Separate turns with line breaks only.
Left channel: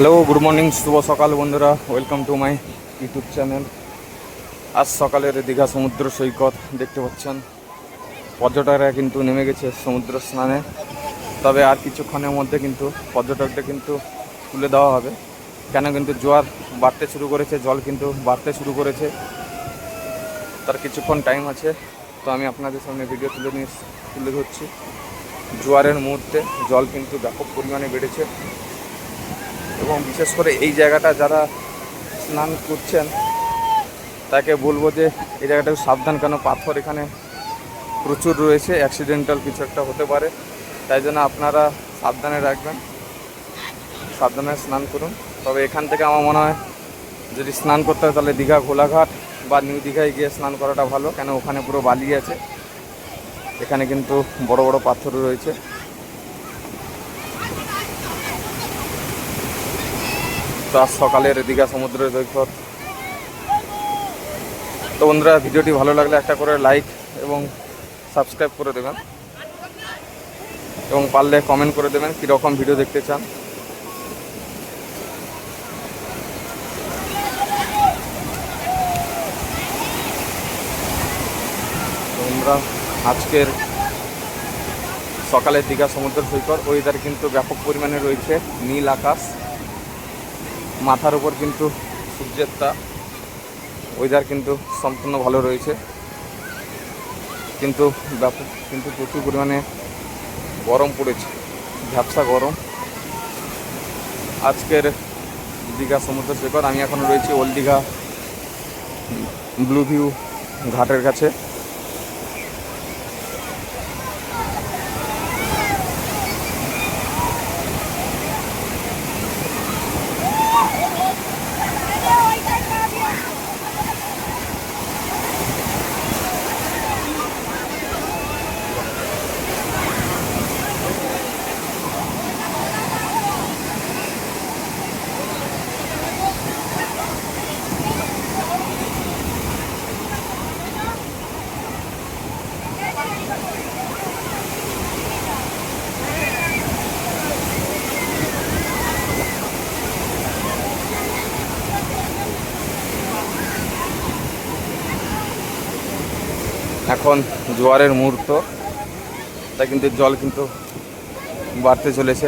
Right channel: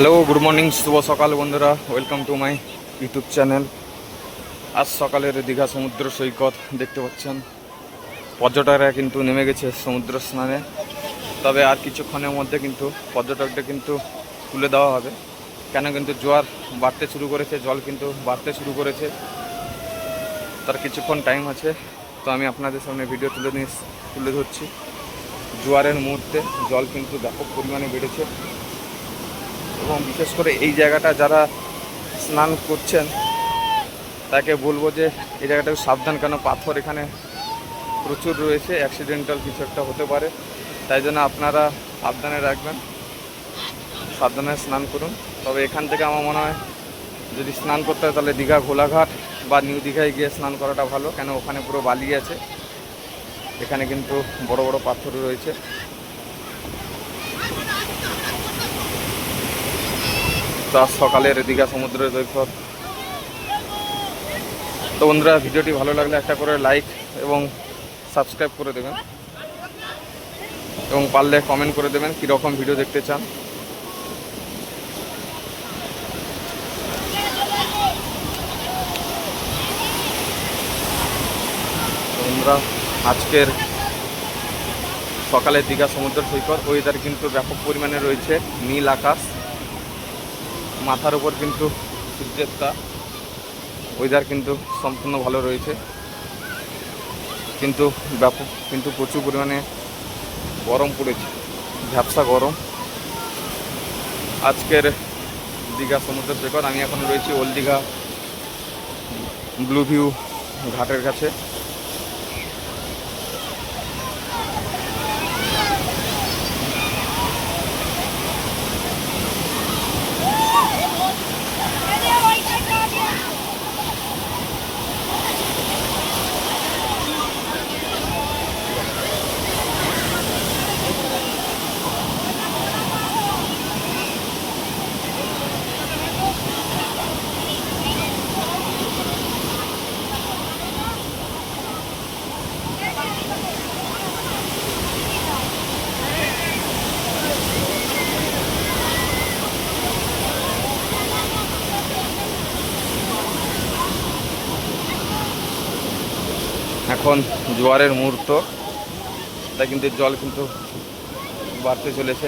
Hello good morning শুভ সকাল বন্ধুরা welcome to my YouTube channel আজ সকালের দীঘা সমুদ্র সৈকত দেখতে পাচ্ছেন। পর্যটকরা কিন্তু নেমে গেছে সমুদ্র স্নানে। তবে আর কিছুক্ষণের মধ্যে কিন্তু পর্যটকদের কিন্তু তুলে দেওয়া হবে। কেন কিন্তু জোয়ার বাড়তে শুরু করেছে, জল কিন্তু বাড়তে শুরু করেছে। তার কিছুক্ষণ টাইম আছে, তো আমি আপনাদের সামনে ভিডিও তুলে নিয়ে তুলে ধরছি। জোয়ারের মুহূর্তে জল কিন্তু ব্যাপক পরিমাণে বেড়েছে। এবং বিশেষ করে এই জায়গাটা যারা স্নান করছেন, তাকে বলব যে এই জায়গাটা সাবধান, কেন পাথর এখানে প্রচুর রয়েছে অ্যাক্সিডেন্টাল কিছু একটা হতে পারে। তাই জন্য আপনারা সাবধানে রাখবেন, সাবধানে স্নান করুন। তবে এখান থেকে আমার মনে হয়, যদি স্নান করতে হয় তাহলে দীঘা ঘোলাঘাট বা নিউ দীঘায় গিয়ে স্নান করাটা ভালো, কেন ওখানে পুরো বালি আছে। এখানে কিন্তু বড় বড় পাথর রয়েছে। তো সকালের দীঘা সমুদ্রের সৈকত তো বন্ধুরা, ভিডিওটি ভালো লাগলে একটা করে লাইক এবং সাবস্ক্রাইব করে দেবেন। এবং পারলে কমেন্ট করে দেবেন কীরকম ভিডিও দেখতে চান। বন্ধুরা, আজকের সকালের দীঘা সমুদ্র সৈকত ওয়েদার কিন্তু ব্যাপক পরিমাণে রয়েছে, নীল আকাশ। মাথার উপর কিন্তু সূর্যের তা ওয়েদার কিন্তু সম্পূর্ণ ভালো রয়েছে। কিন্তু ব্যাপক কিন্তু প্রচুর পরিমাণে গরম পড়েছে, ঝাপসা গরম। আজকের দীঘা সমুদ্র সৈকত আমি এখন রয়েছি ওল্ড দীঘা ব্লু ভিউ ঘাটের কাছে। এখন জোয়ারের মুহূর্ত। তাই কিন্তু জল কিন্তু বাড়তে চলেছে।